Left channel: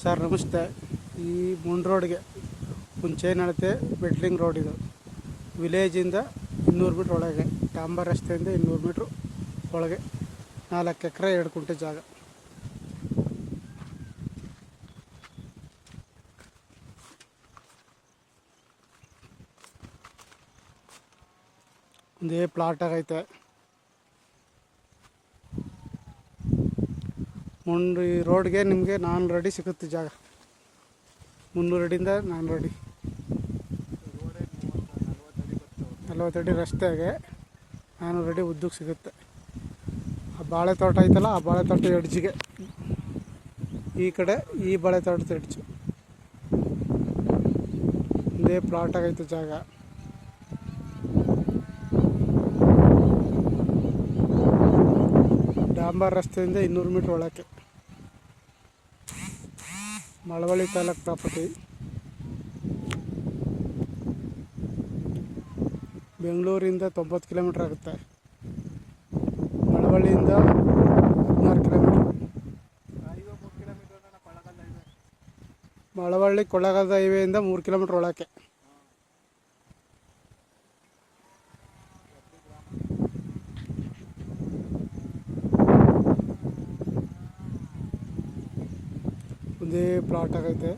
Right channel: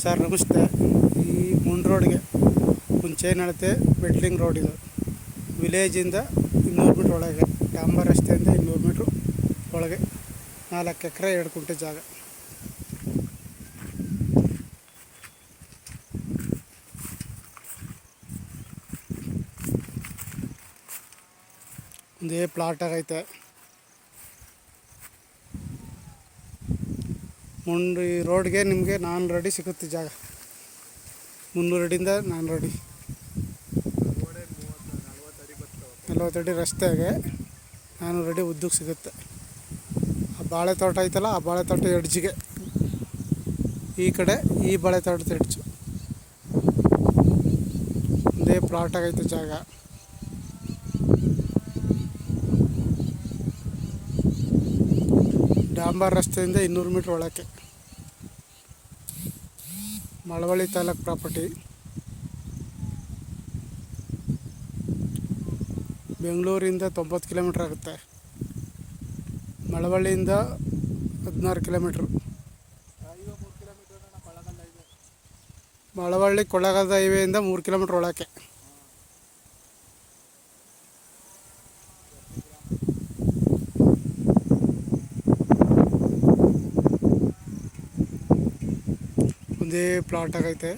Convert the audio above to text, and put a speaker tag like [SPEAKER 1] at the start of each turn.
[SPEAKER 1] Sir, ನಮಸ್ತೆ. ಈ ಮುಂಡ್ ರೋಡ್ಗೆ ಒಂದು ಚೈನ್ ಅಳತೆ ಬೆಟ್ಲಿಂಗ್ ರೋಡ್ ಇದು. ವಿಲೇಜಿಂದ ಇನ್ನೂರು ಮೀಟ್ರ್ ಒಳಗೆ, ಡಾಂಬರ್ ರಸ್ತೆಯಿಂದ ಇನ್ನೂರು ಮೀಟ್ರ್ ಒಳಗೆ, ನಾಲ್ಕು ಎಕರೆ, ಎರಡು ಕುಂಟೆ ಜಾಗ. ಒಂದೇ ಪ್ಲಾಟ್ ಆಗೈತೆ. ಮುಂದೆ ಈ ರೋಡ್ಗೆ ನಿಮಗೆ ನಾನ್ ರೆಡಿ ಸಿಗುತ್ತೆ ಜಾಗ. ಮುನ್ನೂರು ಅಡಿಯಿಂದ ನಾನ್ ರೆಡಿ ನಲ್ವತ್ತು ಅಡಿ ರಸ್ತೆಗೆ ನಾನು ರೆಡಿ ಉದ್ದಕ್ಕೆ ಸಿಗುತ್ತೆ. ಆ ಬಾಳೆ ತೋಟ ಐತಲ್ಲ, ಆ ಬಾಳೆ ತೋಟ ಎಡ್ಜಿಗೆ ಈ ಕಡೆ ಈ ಬಾಳೆ ತೋಟದ ಎಡ್ಜು. ಒಂದೇ ಪ್ಲಾಟ್ ಆಗೈತೆ ಜಾಗ. ಡಾಂಬರ್ ರಸ್ತೆಯಿಂದ ಇನ್ನೂರು ಮೀಟ್ರ್ ಒಳಕ್ಕೆ. ಮಳವಳ್ಳಿ ತಾಲೂಕು ಪ್ರಾಪರ್ಟಿ. ಬೆಂಗಳೂರಿಂದ ತೊಂಬತ್ತು ಕಿಲೋಮೀಟ್ರ್ ಆಗುತ್ತೆ. ಮಳವಳ್ಳಿಯಿಂದ ಹದಿನಾರು ಕಿಲೋಮೀಟ್ರ್. ಮಳವಳ್ಳಿ ಕೊಳ್ಳಗಾಲದ ಹೈವೇಯಿಂದ ಮೂರು ಕಿಲೋಮೀಟ್ರ್ ಒಳಕ್ಕೆ. ಒಂದೇ ಪ್ಲಾಟ್ ಆಗೈತೆ.